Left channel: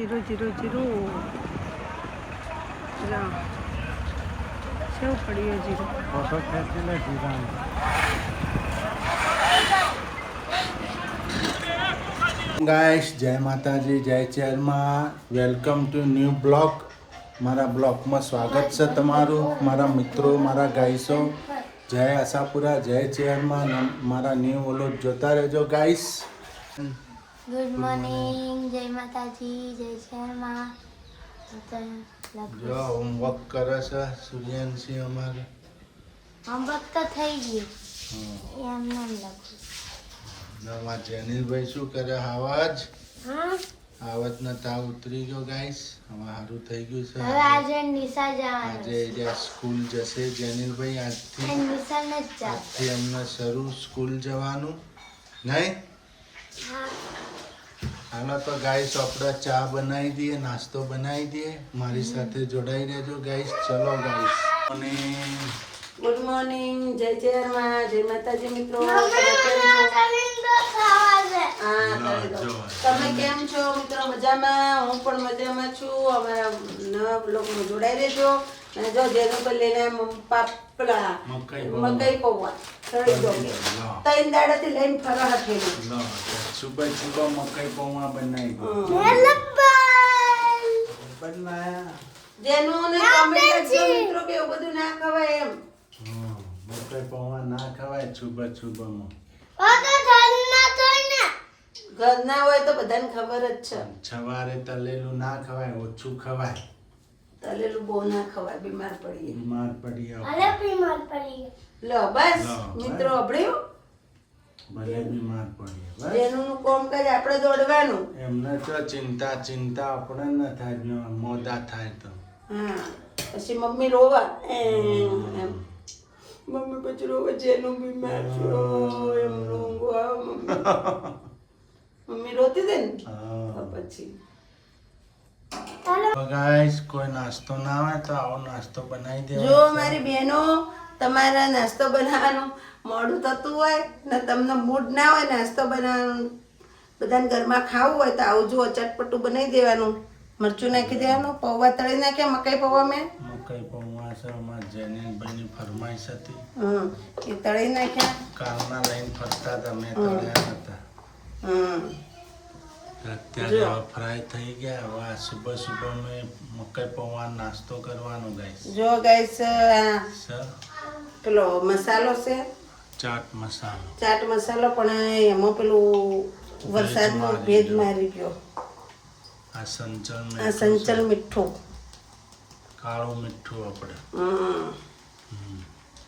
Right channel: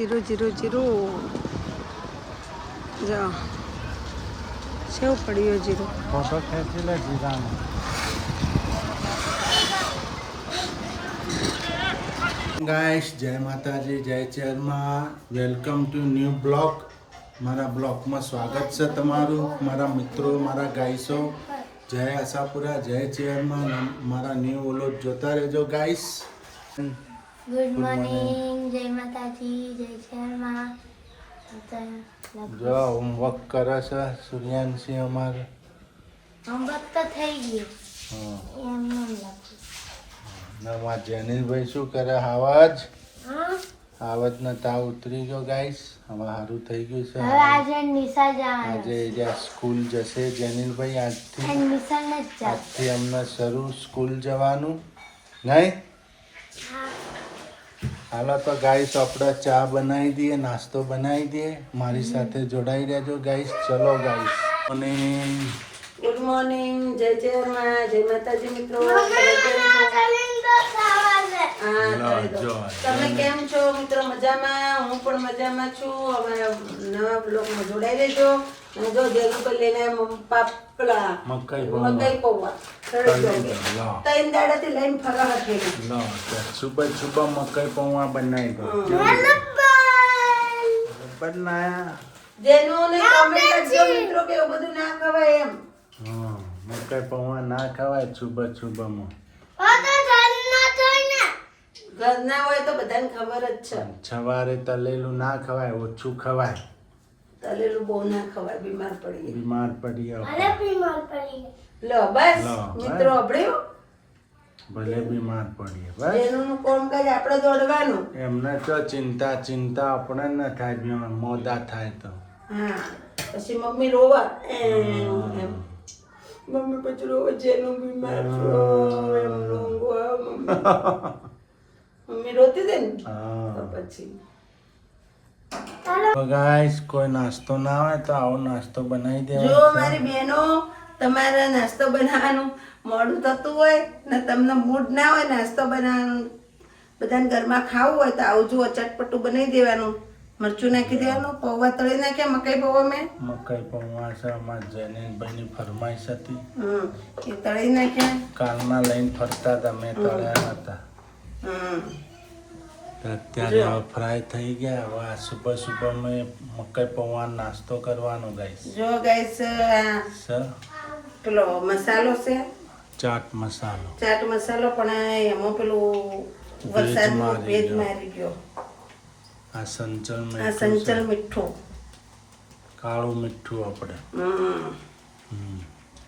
000 જા સેવ પડ્યો zero guys જય માતાજી જય ચેરમાં વેલકમ ટુ ન્યૂ બ્લોગ મારા બ્લોગમાં સ્વાગત છે તમારું મારા મિત્રો મારા ગાઈસો જય આશાપુરા જય ચેરમાં મારા ન્યૂ વ્લોગ જોતા રહેજો ગાઈસ ગુડ મોર્નિંગ જય માતાજી જય શર્મા જો હોમવર્ક કરે છે સૂર્યાંશી અમારે હોમવર્ક તો થઈ ગયું એમ નહીં લખું નવા જેનિલભાઈ શું કરે આવાજ હા આવતનો તાવ ઉતરી ગયો ગાઈસ હવે સારું થઈ ગયું છે હવે આજે નિશા જવાનું આજે જ્યાં સ્કૂલ જશે જેનિલભાઈ આજથી અમને શરૂ સ્કૂલ જવાનું નહીં હાલો તો ગાઈસ આપણે ચા બનાવી દઈએ નાસ્તો બનાવી દઈએ મારી સાથે જોડાઈ રહેજો ગાઈસ ચલો ગાઈસ અને ગુડ મોર્નિંગ જય ચેરમાં જય માતાજી મિત્રો તમે કેમ છો મિત્રો મજામાં હું પણ મજામાં છું અમારા નવા બ્લોગમાં જોડાઈ રહેજો અને જો જેનું પર લઈને પાપલા મકાઈ પૌવા ત્રણ દાડાથી લઈને ફરવા હતી સુબહ મકાઈ પૌવા બનાવી બનાયા જેનું ને કમેન્ટ કરજો મિત્રો કે એવું બધું ના ખવાય એમ મકાઈ પૌવા ના ખવાય સુબહમાં ઘર ના હોય તો બધાને ખબર જ છે સવારે તલેલું ના ખવાય ઓછું ખવાય તલેલું બહુ ના ખવાય બીમાર પડીએ લો બસ મિત્રો અભળ્યું ભલે બીમાર પડીએ બસ એનું કામકાજ આપણે દોડવાનું એમને તો ચિંતા આપણે ન થાય મોદા થાય તો હા પછી મમ્મી રોવા એમ મમ્મી પછી રોવા જેનું બીમાર છો એમ રોવા મમ્મી રોતી દે ને તો પછી ગાઈસ કોઈ નાસ્તો ના હોય તો આવો નાસ્તો બનાવી દેવાનો જો મારી બહેનો તમારા નાસ્તો બનાવવાનું મોડું થતું હોય ને તમને મૂડ ના હોય નાસ્તો બનાવવાનું બધાને ઘરમાં ખાવું હોય તો આવજો ચટપટું બનાવી દેવાનું મરચું નાખી દેવાનું પૌવા તળી નાખ્યા મકાઈ પૌવા મેં મકાઈ પૌવા છે અમારા જેનિલભાઈની ફરમાઈશ હતી એ તળી નાખ્યા કાલના લઈને ફરતા હતા મેં તળ્યા હતા અત્યારે હવે ફ્રાય થઈ ગયા હવે સુબહ મેં મકાઈ પૌવા નાસ્તો કરવાનો ગાઈસ જો ગાઈસ પેલો મસાલો છે ચાટ મસાલો પણ એમાં પેલું વરસાદમાં ભેજ મારી ગયો આ સંચલ મીઠું કાળું મીઠું આપણે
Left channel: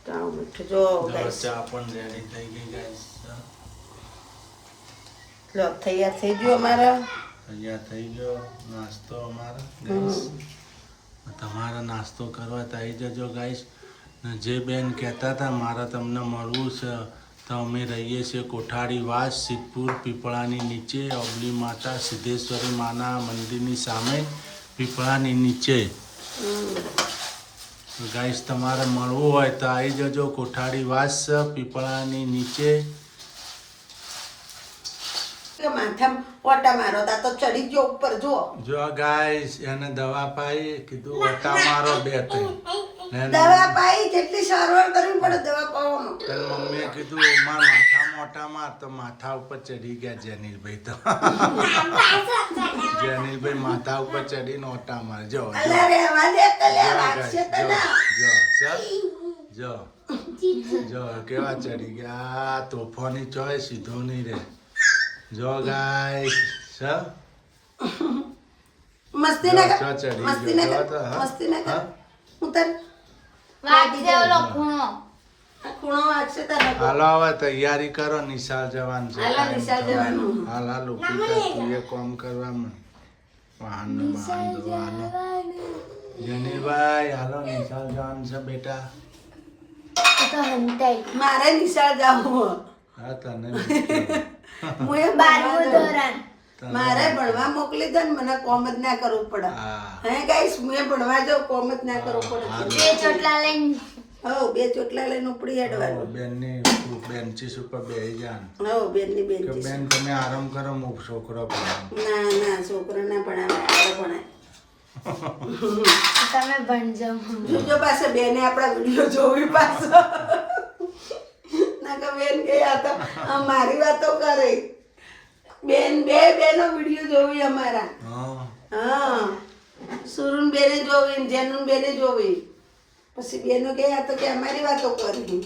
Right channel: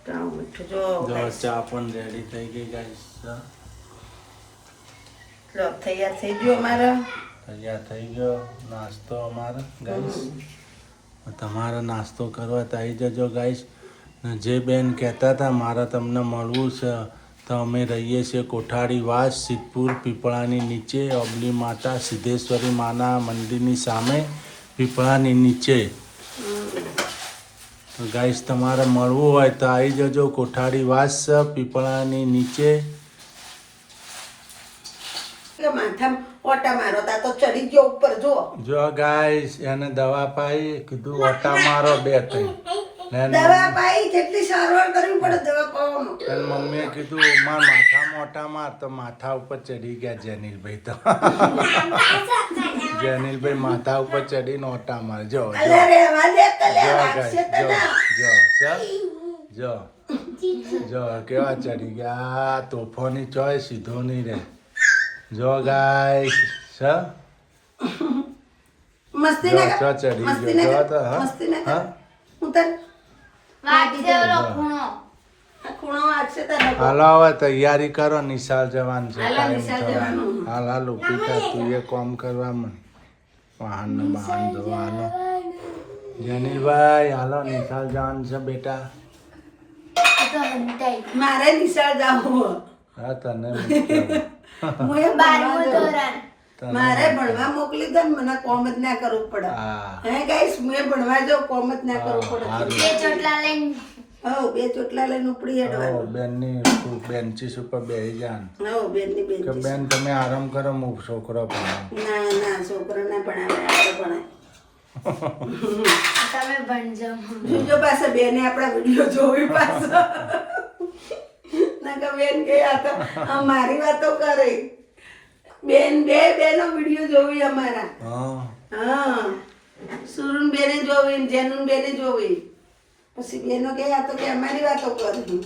કાળું મીઠું જો ચા પણ રેડી થઈ ગઈ ગાઈસ લો તૈયાર થઈ ગયો નાસ્તો અમારો ગાઈસ તમારે નાસ્તો કરવા તો આવી જજો ગાઈસ જે બેન કહેતા હતા મારે તમને મળવું છે તો અમે રહીએ છીએ કોઠારી વાસ સિદ્ધપુર પીપળાની નીચે અબલી માતા સિદ્ધેશ્વરી માના મંદિરની સામે પીપળાની નીચે તો ગાઈસ તમારે મળવું હોય તો આવી જજો કોઠારી વાસ પીપળાની નીચે માથામાં ઓટા મારો તા તો ચડી ગયો ઉપર જો ગાઈસ એને દવા પાઈ કીધું ઓટા મારો 2-3 દવા પાઈ જેટલી સારવાર કરવી પડે દવા પાવાનો એને મમ્મીએ કીધું મારા માથામાં ઓટા માર તો માથા ઉપર ચડી ગયા જેનિલભાઈ તો જેનિલભાઈ માથા ઉપર ચડીને ઓટા માર જો કેવા ચડી ગયા તોફાની ચોય સીધો નહીં રે જો ગાઈસ મસ્તી ના ઉતર હાલો હવે તૈયારી કરો નિશાળ જવાનું છે હાલ પિતા તું એ કામ કરવામાં વાહન ધોવાનો જનીલભાઈ હાલો નિશાળ જવાનું છે બેટા મારે નિશાળ જવું હા તને મારે ભણવા મોકલી દે ને મને કોમ જ ના કરવું પડે હે ગાઈસ હું ભણવા જાઉં કોમ જ ના કરવું પડે બે ચોટલા લઈને ઉપડી હેડવાનું બેનની બેન્ચીસ ઉપર બેસી જાણ બેનની બેન બેન તમે આરામ કરો હું છોકરો ભણાવું ના છોકરા ના ભણાવે તમે ભણજો જોજો પાસે બેને આપણા વિડીયો જોવી પાછો ના બેન કે આ તો મારી વાતો કરે બેન બેનો વિડીયો જોવી અમારા હા હા સુરુન બેને જોવી ને જેનુન બેને જોવી પછી બેનો કે આ તો કે અમારી વાતો કરી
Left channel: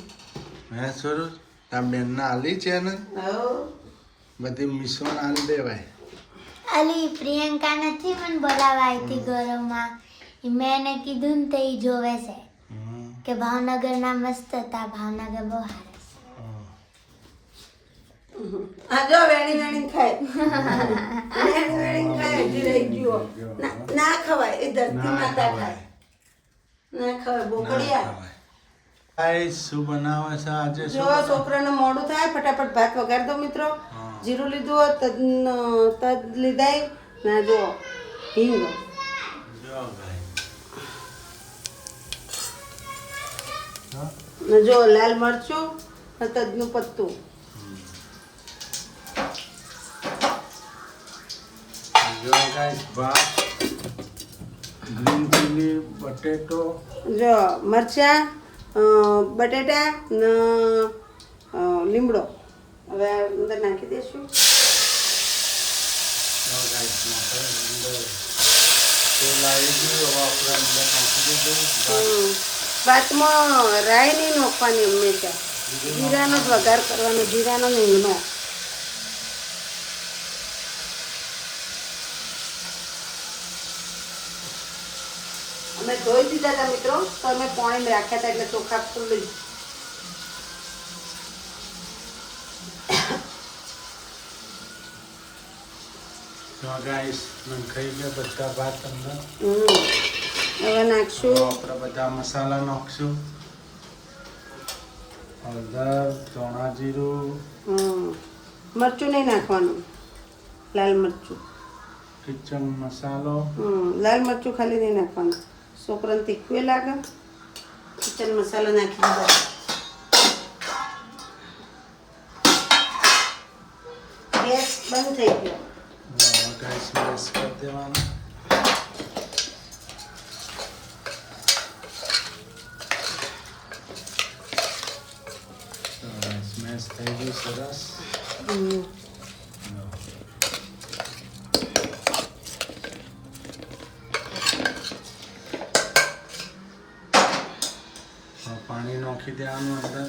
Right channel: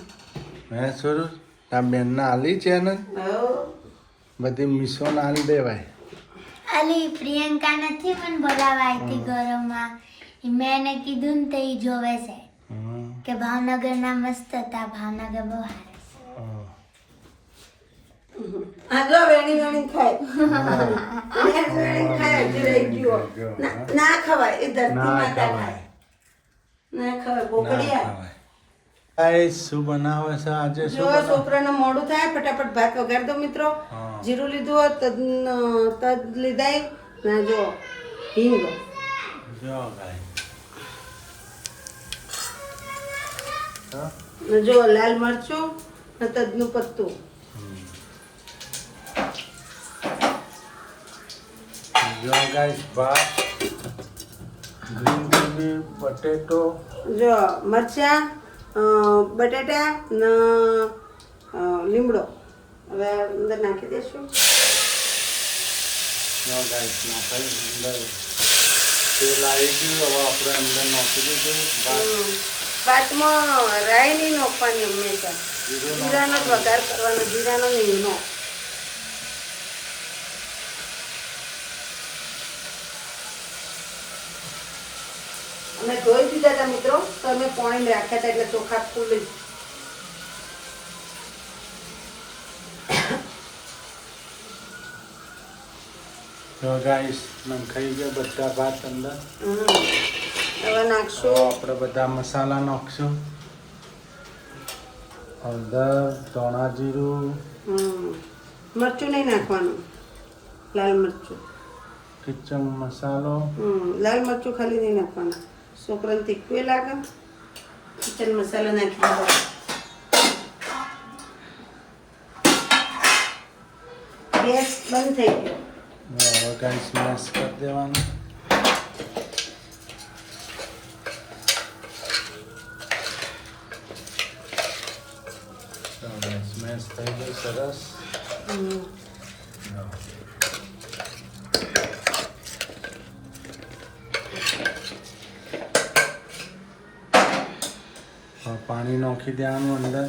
હે સુરુ આ બેનના આલી છે ને હો બધી મિશોને આલી દેવાય અલી પ્રિયંકા નથી મને બોલાવા આવી હતી ઘરમાં મેં એને કીધું ને તે ઈ જોવે છે હમ. કે ભાવનગરના મસ્ત હતા ભાવનગર બહુ સારા હા. આ જો વેણી વેણી ખાય વેણી વેણી ખાય હજી રહી ગયો ના ખવાય એ ધરતી ના માતા ખવાય ખાય ના ખવાય ના બોકડિયા ખવાય ગાઈસ શું બનાવે છે આજે શું જો છોકરાનું મોડું થાય ફટાફટ ભાત વગાડ દો મિત્રો હા. જીરું લીધું તજ લીધાય ના જો હિંગ જો ગાઈસ હા ને જો લાલ મરચું ને તજનું પત્તું જો ગાઈસ ભાત ગ્રીન ચીલી બટેટો જો મરચા બટાટા ને લીમડો હવે અંદર નાખી દઈશું જો ગાઈસ નાખાઈ અંદર તેલ આવી ગયું હવે આપણે અંદર નાખી દીધું ભાત ભાતમાં રાઈ નહીં નાખવાની હંમેશા જીરાનો જ વઘાર કરવાનો જીરાનો નહીં નો અમે ધોઈ દીધા હતા મિત્રો તો અમે પાણી રાખ્યા હતા એટલે ચોખા ખુલ્લી તો ગાઈસ નખાઈ ગયા બધા ભાત અંદર હવે તો નાખશું આપણે બધા મસાલા નાખશું હળદર ચણા જીરું મરચું નહીં નાખવાનું લાલ મરચું કિચન મસાલો લાલ મરચું ખાલી નહીં નાખવાનું છોકરાને તીખું લાગે કિચન મસાલો નાખી દીધો ગેસ બંધ થઈ ગયો હવે ગાઈસ મેશ કરી દેવાનું તો ગાઈસ મેશ થઈ ગઈ સરસ હવે પાણી નાખી દેવાનું અંદર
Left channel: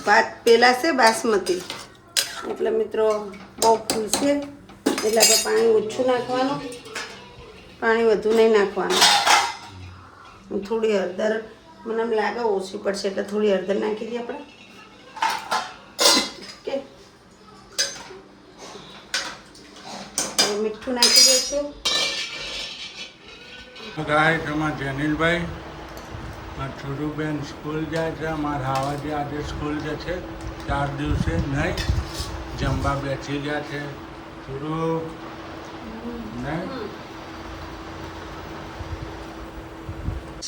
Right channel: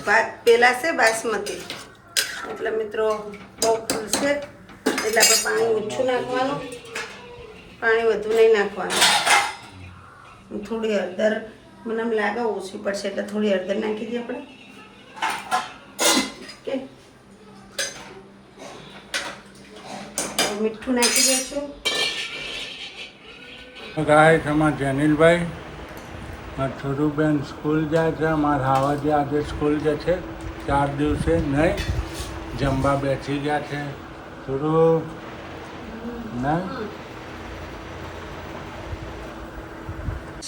ભાત પેલા છે બાસમતી એટલે મિત્રો બહુ ફૂલશે એટલે આપણે પાણી ઓછું નાખવાનું પાણી વધુ નહીં નાખવાનું થોડી હળદર મને એમ લાગે ઓછી પડશે એટલે થોડી હળદર નાખી દઈએ આપણે ઓકે મીઠું નાખી દઈશું ગાઈસ અમારા જેનિલભાઈ મારા છોરુબેન સ્કૂલ જાય છે મારા હાવાજી આજે સ્કૂલ જશે 4 દિવસે નહીં જમવા બેસી ગયા છે છોરુ નહીં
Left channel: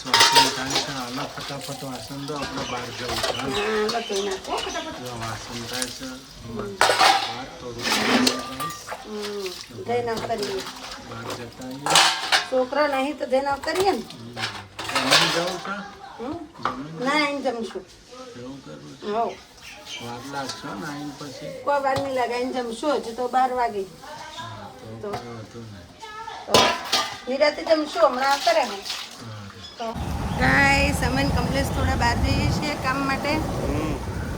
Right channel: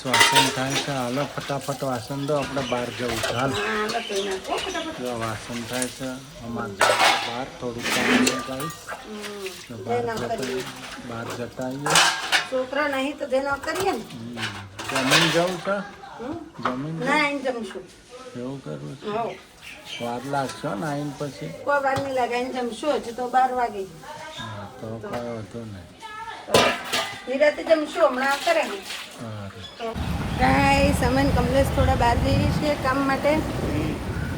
વાસણ થાય છે હાલો ફટાફટ વાસણ દો આપણે બહાર જવું છે હાલ બધી નાખો ફટાફટ જો વાસણ થાય છે અમારે બહાર થોડું કામ છે ગાઈસ જઈને કરીએ બહાર જતા આવીએ છોકરા નહીં તો જઈને કરીએ ને જમીન જવું છે હમ? જમીન ના આવીને જમશું એવું કરવું છે હો વાર લાગશે ને આવીને પછી કોઈ વાર નહીં લાગે આવીને જમશું હજી તો 12 વાગે હા તો કાંઈ વાંધો નહીં તો નિરાતે જમશું હમણાં કરે ને સારું ગાઈસ અમે ને કમલેશ થોડા બહાર જઈએ છીએ કામ માટે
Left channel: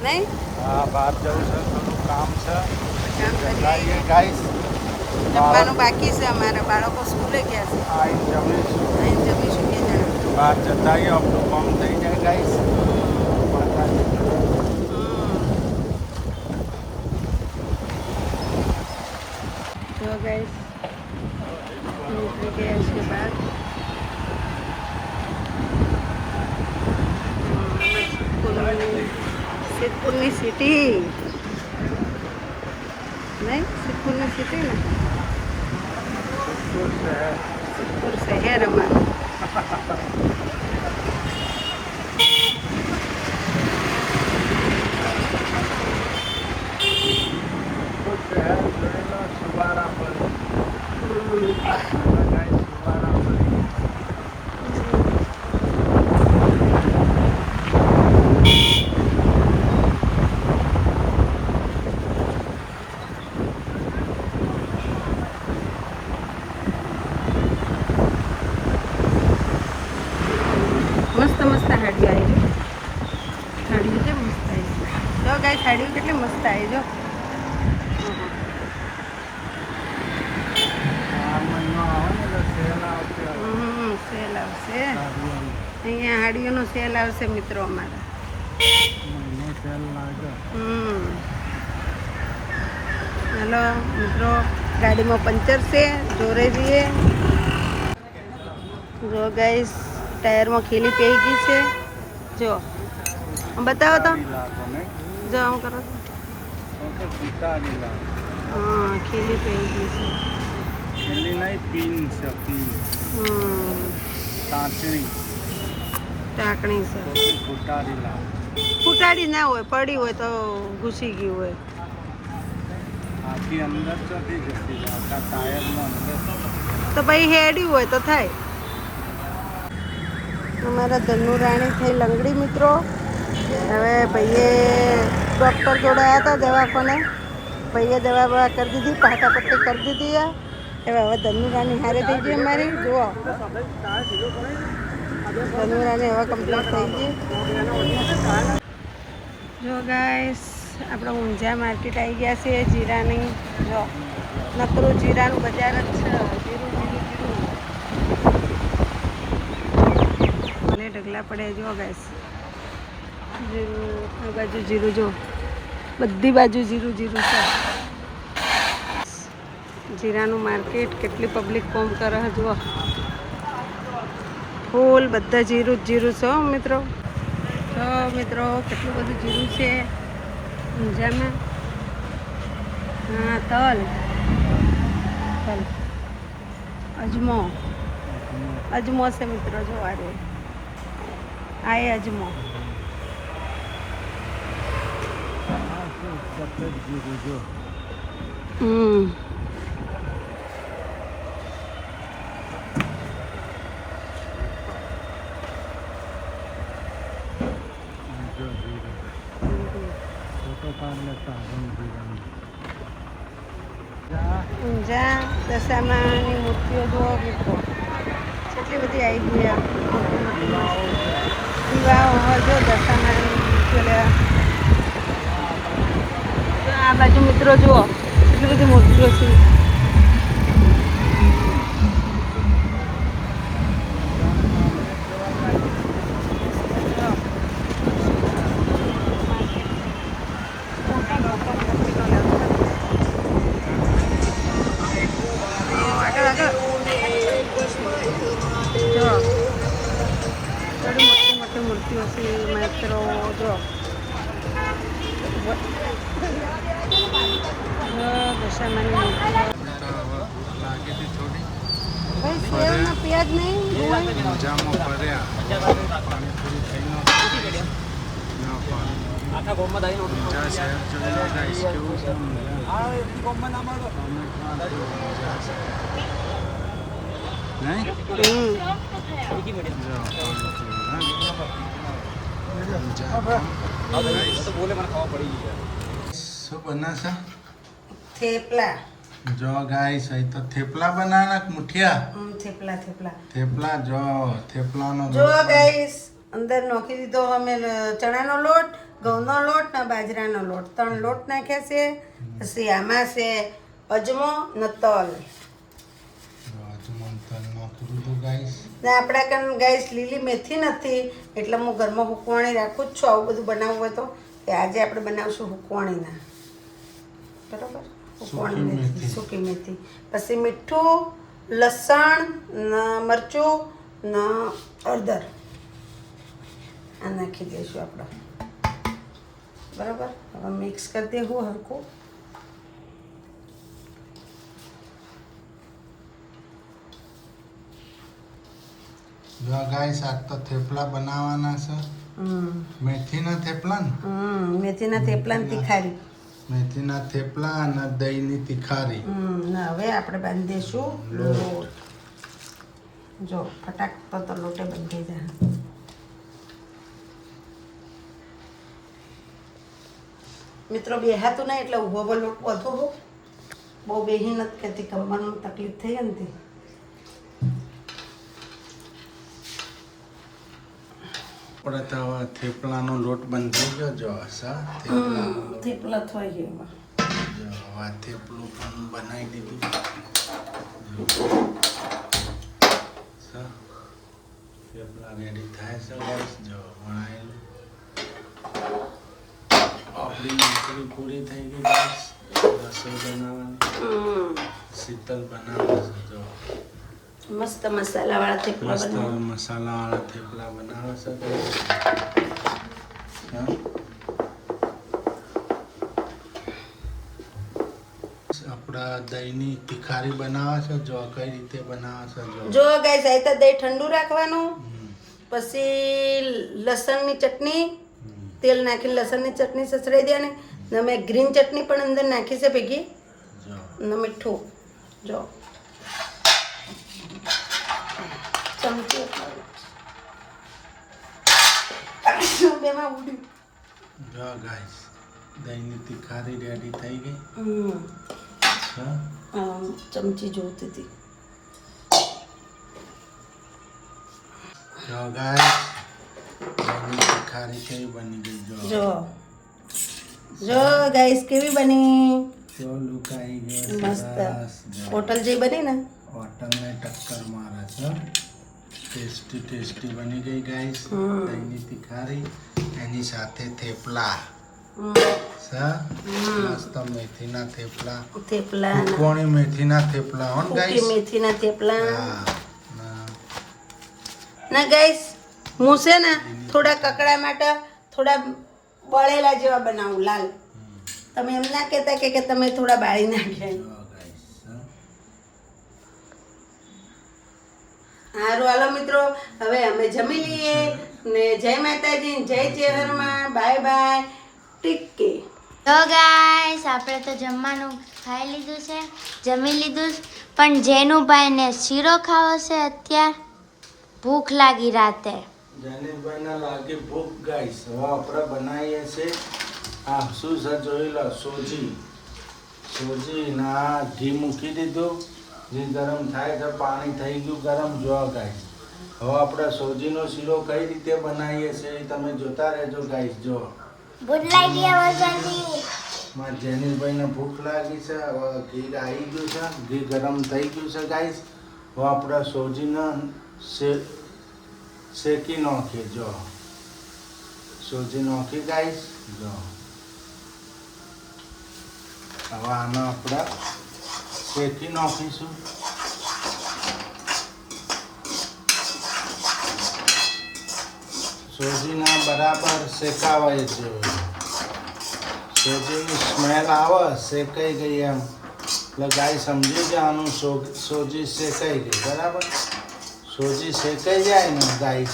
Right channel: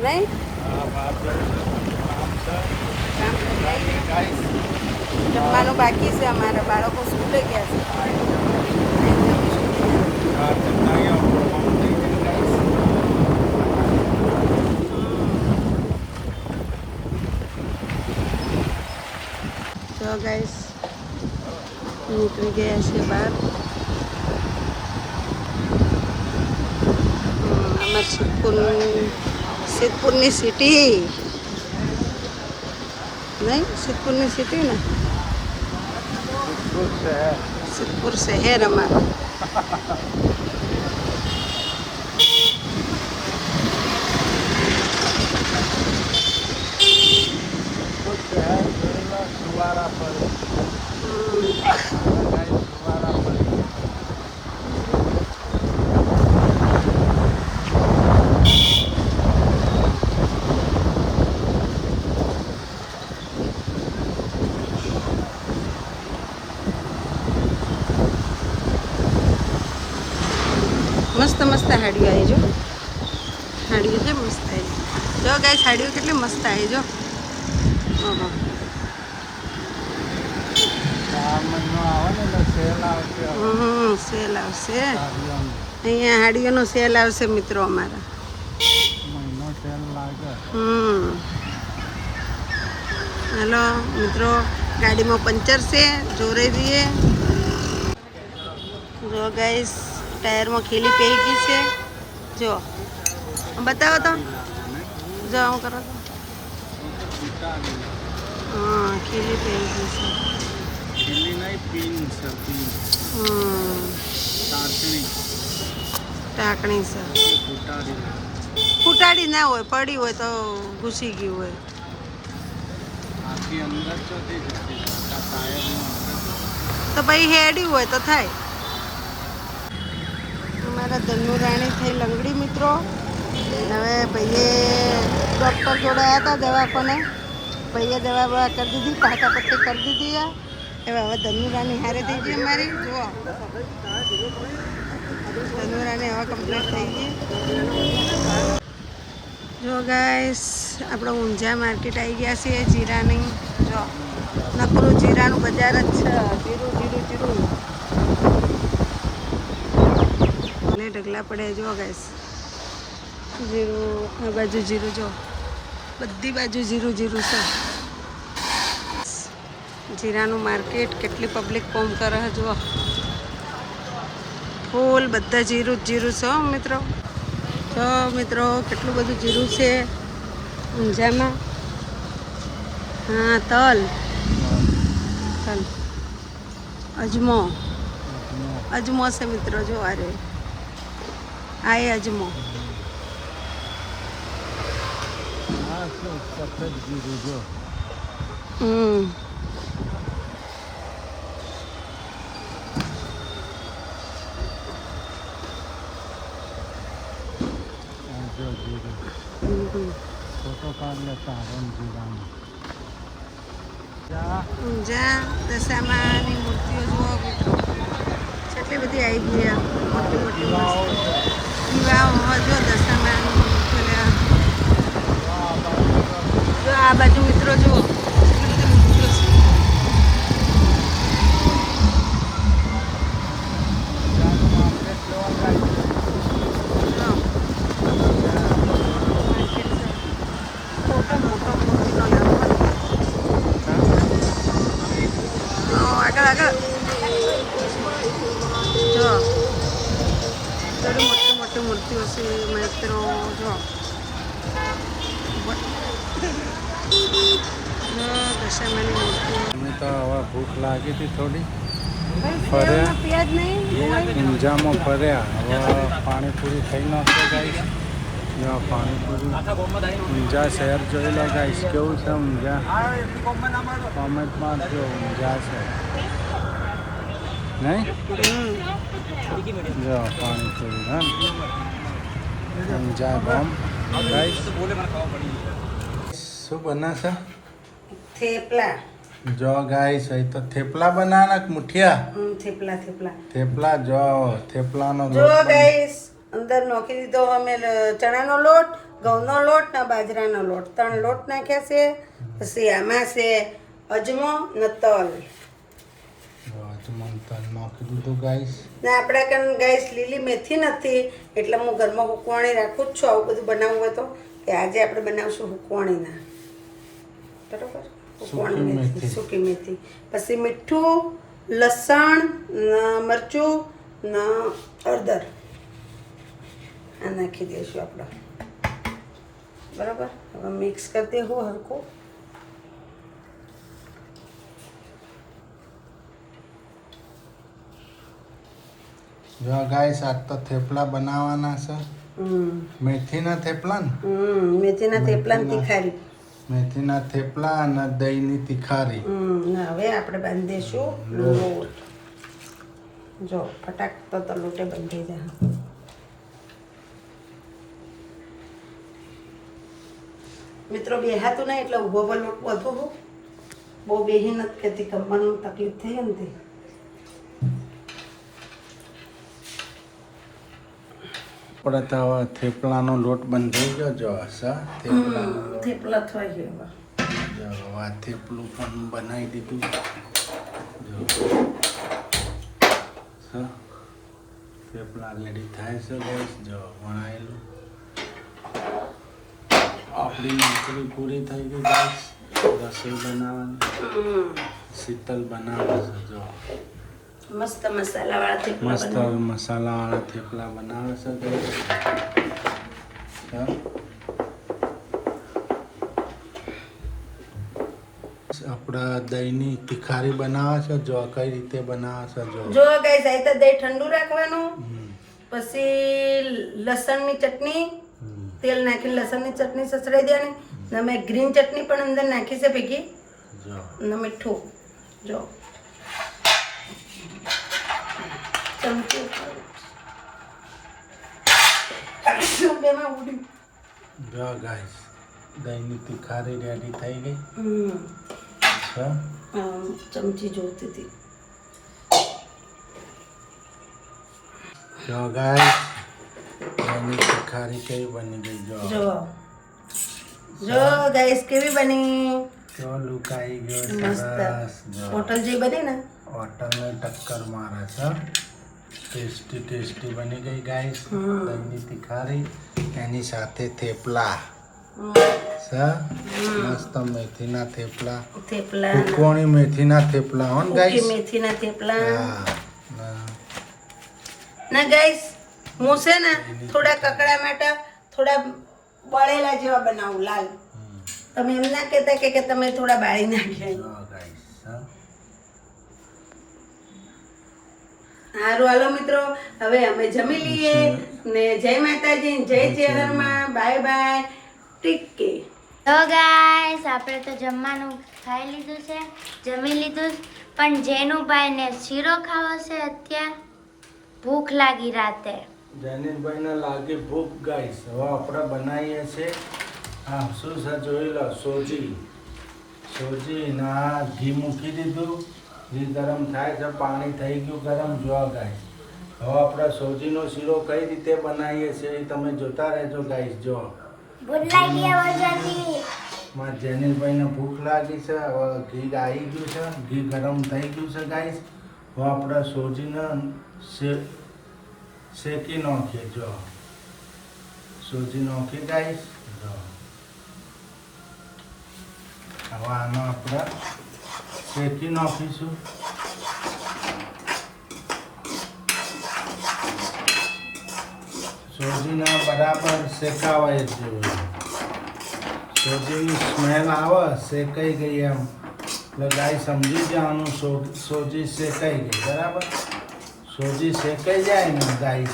નહીં હા બહાર જવું છે કામ છે કામ કરી આવીએ ગાઈસ જમવાનું બાકી છે અમારા બાળકો સ્કૂલે ગયા છે આવીને જમીશું બે જણા બહાર જતા આવીએ આપણું કામ થઈ જાય ગાઈસ તો ગાઈસ નીકળી ગયા છે બહાર અમારા સિદ્ધપુરની સિટી નહીં સિદ્ધપુરની સિટી ને સિદ્ધપુર શહેર અમારું મસ્ત મસ્ત હાડીઓ આવી જો, હાડીઓ છે મસ્ત આવી જો ગાઈસ, હાડીઓ કેટલી મસ્ત આવી જો. સેલ આવશે અહીંયા, હાડીઓનો સેલ આવશે મિત્રો અમારા. હેલો મિત્રો, ગાડીમાં પંચર છે, જોરે રહીએ. જો ગાઈસ, ટાયરમાં ખીલી પઈ ગઈ છે. જો બતાવો તો, જો હું કરો તો. હા, ખીલી પઈ ગઈ છે. ખીલી નહીં, પિન છે, પિન. ટાંકણી છે. ફૂટાડી લાગે. ફૂટાડી ના હોય, પડી હોય તો ઘૂસી ગયું હોય. આખી અંદર ચોથી જતી છે, આખા ટાયરનું અંદર. તો ભાઈ હેડ્યું હોય તો થાય. અમારા ધનુ રાણી થઈ લંગડી મિત્રો. હવે ભાઈએ ડૉક્ટર જોડે આવ્યા હતા દવાખાને, ભાઈએ દવા બવા કરી દીધી, પાટા પટ્ટી કરી દીધી. હવે ધનુ રાણી હારે થઈ ગઈ અમારી. જુઓ, ધનુ રાણી હવે કમ્પ્લીટ થઈ ગઈ. જો ગાઈસ, આપણે ઊંઝા માર્કેટ આવી ગયા છીએ જીરાની. જો નકરું જીરાનું બજાર જ છે. જીરું જીરું જીરું અને ઢગલા પડે. જો ગાઈસ, જીરું આ બાજુ જીરું, જો બધી બાજુ જીરું જીરું છે. જીરાનું માર્કેટ, કેટલી પબ્લિક કોમ કરે છે જુઓ. ફૂલ બધા જીરું જ જીરું છે મિત્રો. તો મિત્રો, કેટલું બધું જીરું છે ઊંઝામાં. હા, તલ અજમો છે મિત્રો. જો અરે આ એ અજમો. ઊંઝા દશામાની મૂર્તિઓ જુઓ મિત્રો, કેટલી બધી આવી ગઈ. મોટી મોટી મસ્ત દીવાઓ જો દશામાની મૂર્તિઓ લેવા. જો આ બાજુ મિત્રો જુઓ, કેટલી બધી મૂર્તિઓ છે. આગળ જો થોડી મોટી મોટી મૂર્તિઓ છે મિત્રો. જો દશામાની મૂર્તિઓ. અમે તો હવે ભૂખ લાગી હતી થોડી, ફર્યા પ્યાજ નહીં ઊંઝામાં ફર્યા. હવે પાણીપુરી ખાઈ નાખતો ગાઈસ. જો પાણીપુરી ઊંઝા શહેર જોઈ લો ગાઈસ, કેવું છે ઊંઝા. કોમેન્ટમાં જો ઊંઝા છે નહીં. જો પાણીપુરી હા, ઊંઝા ગામ ગાઈસ. શું બનાશે? થેપલા. જો ગાઈસ, અહીં તો થેપલા બનાવવાના મુઠિયા. થેપલા થેપલા થેપલા. જો થેપલાનો જો ગાઈસ, અંદર નાખી દીધો અમે ચણાનો લોટ, ઘઉંનો લોટ ને બાજરાનો લોટ, 3 લોટ નાખ્યા છે. પછી આમાં છે અજમો ને તલ. નાખી દીધું ગાઈસ. ને આપણે કાન ગાઈસ લીલી મેથી નથી, એટલે હું ઘરમાં હુકવાણી રાખું જ છું. આવું બધું બનાવવું હોય તો કે આજે આપણે બનાવશું હુકવાણીના. બરાબર, હુકવાણી મેથી, સૂકી મેથી. પછી મીઠું, લસણ, મરચું ને હળદર આ નાખી દઈશું આપણે. બરાબર, હવે મિક્સ કરી દેવું હરખું. જો ગાઈસ, આ તો થેપલા બનાવવાના છે. મેથીના થેપલા ને મેથીના થેપલા ને તીખારી. મેથીના થેપલા અને દહીંની તિખારી. ને હવે આપણે બાંધીશું લોટ. જો ફટાક તો લોટે બંધાઈ જાય. મિત્રો બેહાતું નહીં એટલે ઊભો પર લોટ વધુ બહુ બેહી નથી કહેતી, કમરનું તકલીફ થઈ ને તે. આપણે તો હવે થેપલાનો લોટ બંધાઈ ગયો. જો સર થેપલાનો લોટ. થેપલા થઈ ગયા. જો આ થેપલું પણ બનાવી દીધું. જો સર થેપલા રેડી થાય છે ગાઈસ. જો વણાયેલું આપણી નોકરી પૂરી થઈ ગઈ ગાઈસ. રસોઈ બનાવવાની. શીતલ બનાવે છે. જો મસ્ત મસાલાવાળા થેપલા મસ્ત મસાલાવાળા થેપલા બનાવે છે ગાઈસ. આપણા દહીંની તિખારી બનાવે છે. જો કઈ રીતે બનાવે છે જો. જો ગાઈસ આ તો દહીં ઠંડુ રાખવાનું, પછી લસણની ચટણી, તેલ નાખી લસણની ચટણી સસરાઈ દેવાની. ને મેં ગ્રીન ચટણી પણ અંદર નાખી છે ભેગી. જો ને મીઠું. જો ચમચી બેમાં ઉડી. જો ગાઈસ દહીંની તિખારી રેડી થઈ ગઈ. ચમચી જોતી હતી. જો ગાઈસ દહીંની તિખારી કેવી બની ગઈ. જો જો ગાઈસ કેવી બની. જો લુક આવી ગયો મસ્ત સરસ. જો હોટલ જે બની ને હોટલને ટક્કર મારે છે. ટેસ્ટી ટેસ્ટી બની ગઈ ગાઈસ દહીંની તિખારી. એની સાથે થેપલા મસ્ત મેથીના થેપલા. થેપલા કોણી મેથીના થેપલા હોન ગાઈસ. મેથીના થેપલા. હા ના ગાઈસ હું છે ને થોડા કકડા માટે થોડા બળેલા જેવા બનાવું લાલ. તમે એમ ના કહેતા કે તમે થોડા બાળી નાખ્યા. જો ગાઈસ સારું હાલો મિત્રો હવે અમે જમી લઈએ ને જય માતાજી જય ચેહરમાં બાય બાય ટીકે. તો ગાઈસ આપણે તો જમવાનું ખાઈ લીધું છે, જમી લીધું છે. પણ જેનુભાઈને શીરો ખાવો છે અત્યારે, ભૂખ લાગી રાતે. જનીશભાઈને લાગી ભૂખ ગાઈસ. હવે આપણે બનાવીએ છીએ હા શું છે જોઈ લો. સોજી ના ઘી મૂકી દીધું. ઘી ગરમ થાય છે, પાણી થઈ ગયું ગરમ. જો ગાઈસ હવે આપણે સોજીનો શીરો કઈ રીતે બનાવીએ છીએ એ તમે જોતા રહેજો ગાઈસ. જો મારા જેનીશભાઈને ભૂખ લાગી છે. હવે ઘી આવી ગયું છે, ઘી ગરમ થઈ ગયું છે ગાઈસ. હવે આપણે સોજીને શેકી નાખીએ. જો સોજી નાખી ગાઈસ. જો હવે આમાં આપણે શેકી નાખીશું. સોજીના બરાબર શેકાવાય છે. સોજીની સ્મેલ આવે શેકાઈ ગઈ એમ એટલે ગાય સમજી જવાનું સોજી શેકાઈ ગઈ. બરાબર સોજી શેકાઈ જાય ને ગાય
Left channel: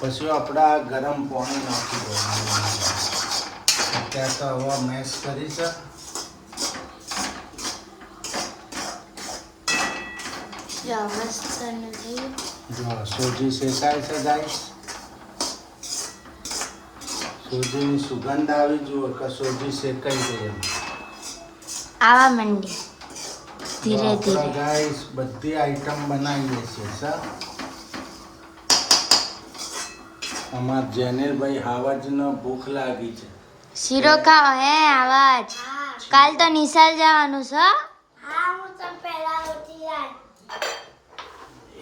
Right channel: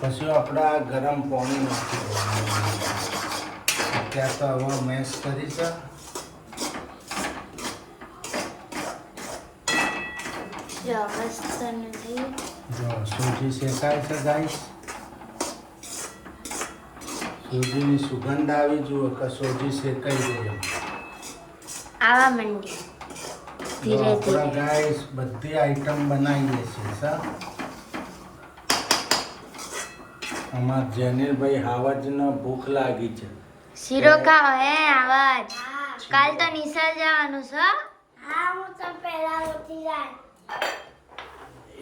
પછી આપણે ગરમ પાણી નાખી દેવાનું. ત્યાં તો હવે મેશ કરી છે. જો મસ્ત નથી. જો સોજી શેકાય છે ગાય. સોજીની સુગંધ આવી જુઓ કે સોજી શેકાઈ ગઈ. આવા મંડી ધીરે ધીરે. ગાઈસ બધી આઈટમ બનાવીએ છીએ સર. અમાર જેનેલભાઈ હાવજનો ભૂખ લાગી છે. શીરો ખાઓ હે આવાજ. કાલ તો નિશાળ જવાનું છે.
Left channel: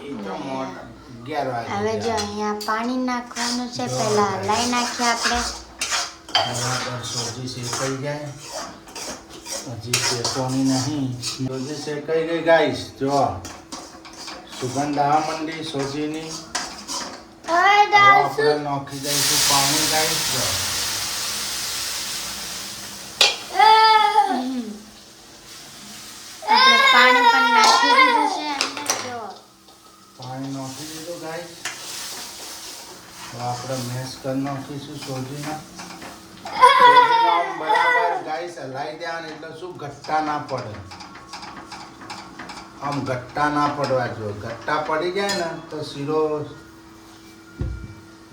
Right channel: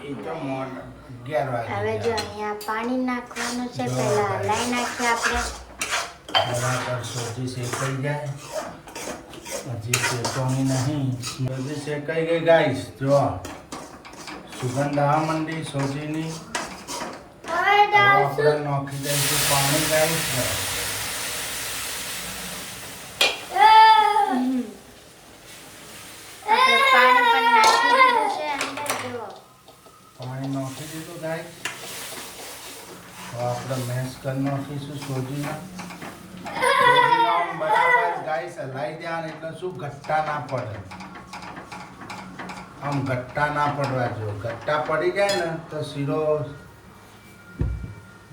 એ તો 11 વાગે. હવે જો અહીંયા પાણી નાખવાનું છે. પહેલા હલાઈ નાખીએ આપણે. બરાબર સોજી શેકાઈ જાય. હજી શેકવાની નહીં. સોજી શેકાઈ ગઈ ગાઈસ. જો સુગંધ આવવા માંડી સોજીની. આપણે નાખી દઈશું પાણી ગાઈસ. આપણે પાણી પણ નાખી દીધું છે અંદર. જો પાણી નાખી દીધું ગાઈસ. હવે આપણે મેશ કરી નાખીશું સોજીના. બરાબર ગાઈસ ગાઈસ હલાઈ દેવાનું એટલે શું ઘટ્ટા ના પડે. આમ ઘટ્ટા ના પડવા જો. ઘટ્ટા પડી જાય ને તો શીરો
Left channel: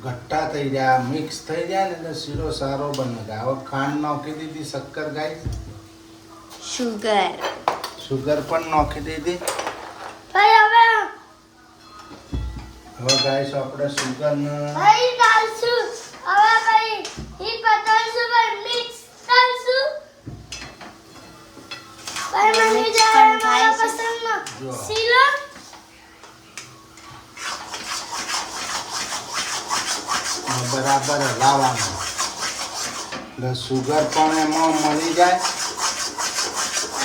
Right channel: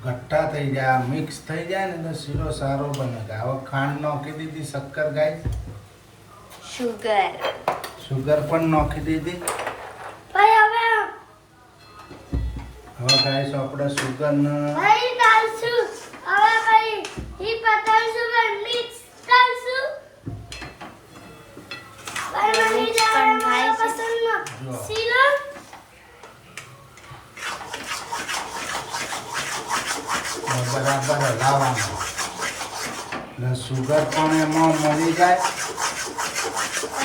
ઘટ્ટા થઈ જાય, મિક્સ થઈ જાય ને તો શીરો સારો બને. હવે ખાંડ નાખી દીધી, શક્કર ગાઈસ, સુગર પણ નાખી દીધી. હવે ગાઈસ આપણે સુગર ને બરાબર હલાવવાનું એટલે સુગર પણ એમાં મળી જાય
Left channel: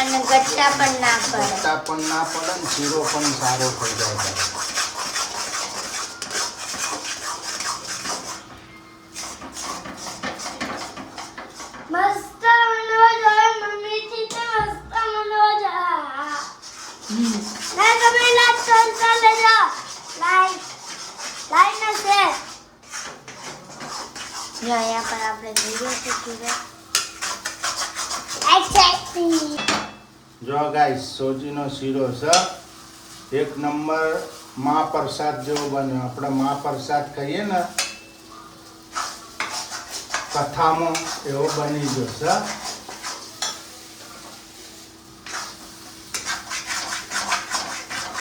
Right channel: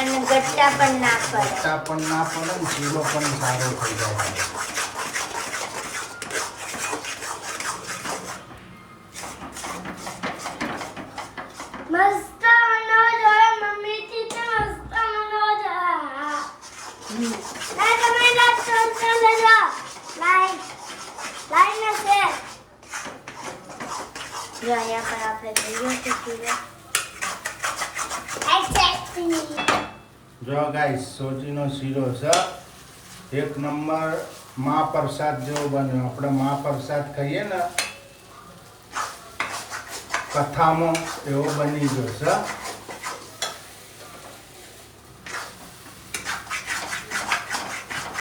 અને ગટ્ટા પણ ના પડે. ઘટ્ટા પણ ના પડે ને શીરો પણ સારો થઈ જાય. મસ્ત મનોજ મમ્મી થી તો મસ્ત મનોજ મેં તમને લાઈટ કર લેજો. લાઈટ ને છે જો અહીંયા પર આપણે જોઈએ છે શીરો. જો ગાઈસ સોજીનો શીરો છે એક નંબર મહાપ્રસાદ જેવો બન્યો. આપણે મહાપ્રસાદ કહીએ ને કથામાં એવો બની ગયો છે.